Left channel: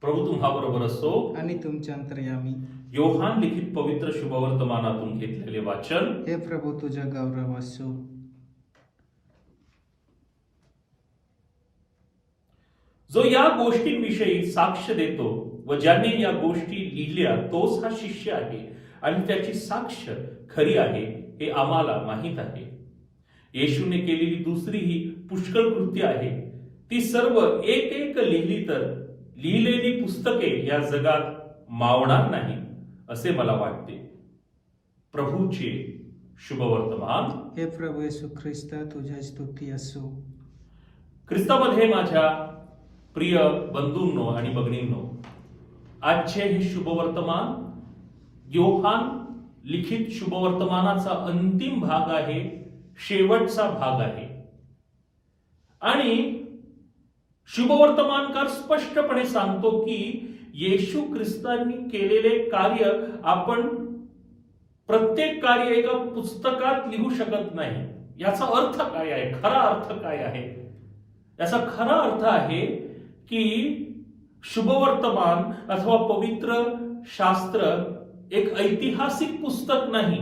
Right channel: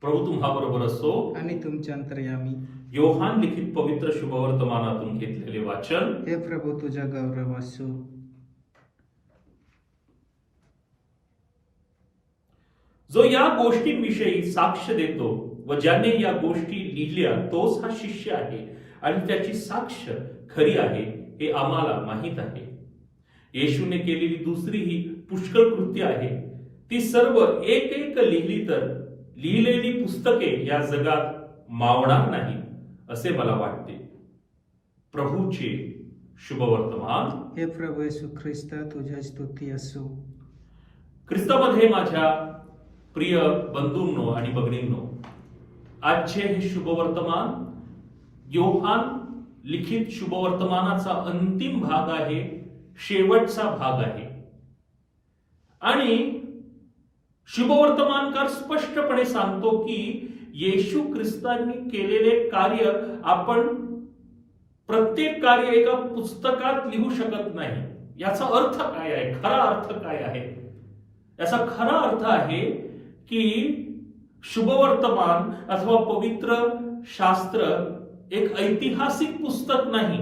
प्रभू तुम्हाबरोबर असो. आणि तुमच्या अंतर्यामी. योहान लिखित पवित्र शुभवर्तमानातून घेतलेले वाचन. हे प्रभू तुझ्या गौरव असो. जो या गोष्टींविषयी साक्ष देतो व ज्याने या गोष्टी लिहिल्या तोच हा शिष्य आहे आणि त्याची साक्ष खरी आहे हे आम्हाला माहीत आहे. येशूने केलेली दुसरी ही पुष्कळ कृत्य आहे. ती सर्व एक एक लिहिली तर लिहिलेली पुस्तके या जगात मावणार नाही असे मला वाटते. प्रभूचे शुभवर्तमान. हे प्रभू येशू ख्रिस्ता तुझ्या स्तुती असो. ख्रिस्तामध्ये माझ्या प्रिय बंधूंनो आणि भगिनींनो आजचे हे शुभवर्तमान योहान लिखित शुभवर्तमानाचा अंतिम भाग आहे शेवटचा भाग आहे. आणि शुभवर्तमानकार स्पष्टपणे सांगतो की येशू ख्रिस्तांनी केलेले कार्य आपण प्रत्येक कार्य एका पुस्तकात लिहू शकत नाही. याचा अर्थ काय आहे? खरा अर्थ काय आहे? याचा खरा अर्थ आहे की शुभवर्तमान अथवा पवित्र शास्त्र एक ऐतिहासिक पुस्तक नाही.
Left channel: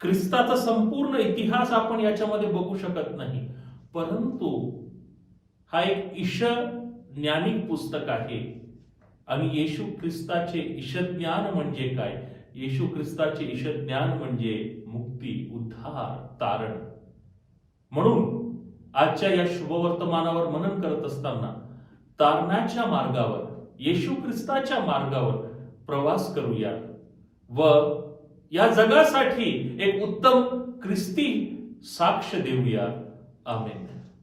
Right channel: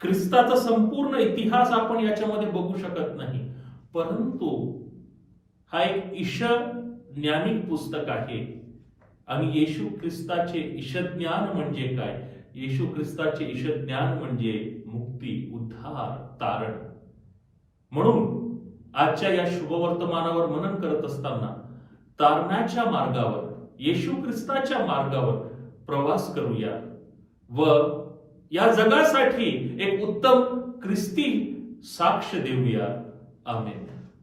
ख्रिस्ताचा संपूर्ण इतिहास आपण याच्यामध्ये बघू शकत नाही. परंतु हा एक ईश ज्ञानिक पुस्तक आहे. आणि येशू ख्रिस्ताचे ईशज्ञान म्हणजे काय? येशू ख्रिस्ताचे ईशज्ञान म्हणजे मुक्ती उद्धार तारण. म्हणून आजच्या या शुभवर्तमानावर मनन करत असताना तारणाच्या मार्गावर येशू ख्रिस्ताच्या मार्गावर प्रवास करूया व या जगासाठी एक उत्तम ख्रिस्ती साक्ष देऊया. Amen.